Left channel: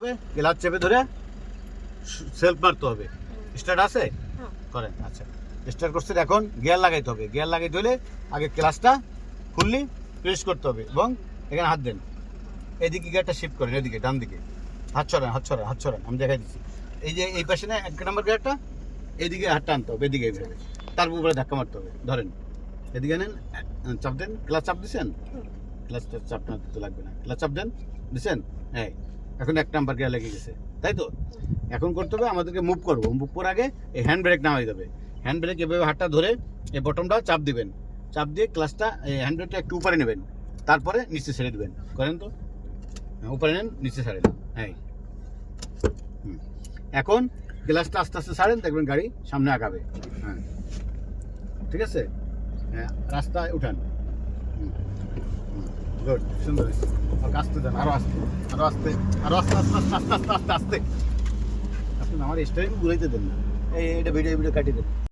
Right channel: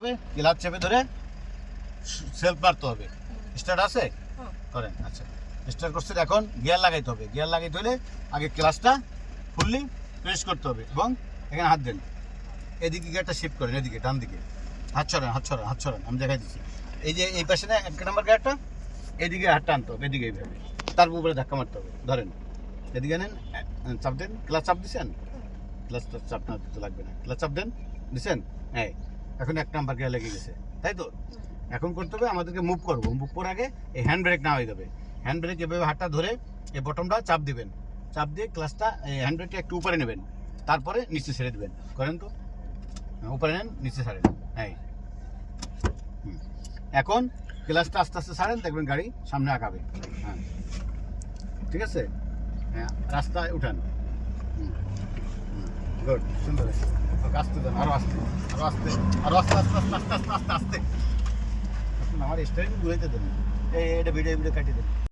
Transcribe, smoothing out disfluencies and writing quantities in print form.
Clutch চেপে ধরে self মারতে হবে। স্টার্ট আছে করেন। আচ্ছা স্টার্ট করছেন, এখন গিয়ার লাগাইতে হবে। গিয়ার লাগাইতে হলে আগে ক্লাচটা ফুললি প্রেস করতে হবে এবং এখানে হাত দেন। এদিকে গিয়ারটা শিফট করেন, এদিকে ডান দিকে হাত ছড়ান, হাত ছড়ান, হাত ছড়ান। আমি দেখাই দিচ্ছি। এই যে এই পাশে না 1 নম্বর গিয়ারটা, এদিকে হাতটা আনতে হবে, এদিকে এইভাবে, তার উপরে ধাক্কা মারতে হবে। ধরেন এদিকে নেন, চাপ দেন। ক্লাচ চাপ দিচ্ছেন, ক্লাচটা চাপ না দিতে লাগবে না। ক্লাচ চাপ দেন, দিচ্ছেন। হ্যাঁ, এখন 1 নাম্বার গিয়ার লেগে গেছে, তাই তো? এখন করতে হবে আমাদেরকে মুভ করবো। মুভ করার আগে এই হ্যান্ড ব্রেক না হয়ে যাবে। হ্যান্ড ব্রেক এভাবে হাতটা ধরে এই বটমটা চাপ দিবেন। চাপ দিয়ে ক্লাচটা হ্যান্ড ব্রেকটা একটু উপরে নেবেন, তারপরে নিচে ছেড়ে দেবেন। করেন তো, উপরে নেন, নিচে ছাড়েন। হ্যাঁ, এখন গ্লাসটা আস্তে আস্তে ছাড়েন, দেখবেন গাড়ি সামনে আগাবে। হ্যাঁ, ঠিক আছে। হ্যাঁ, রাস্তায় উঠান। গুড, সুন্দর হয়েছে। আস্তে দেন, আরো আস্তে, আরো আস্তে, আরো আস্তে, আস্তে আস্তে আস্তে আস্তে আস্তে আস্তে। আপনি আমার স্টারিং ঘুরাইতে দেন না। এটা ভিডিও কাটিয়ে দেন।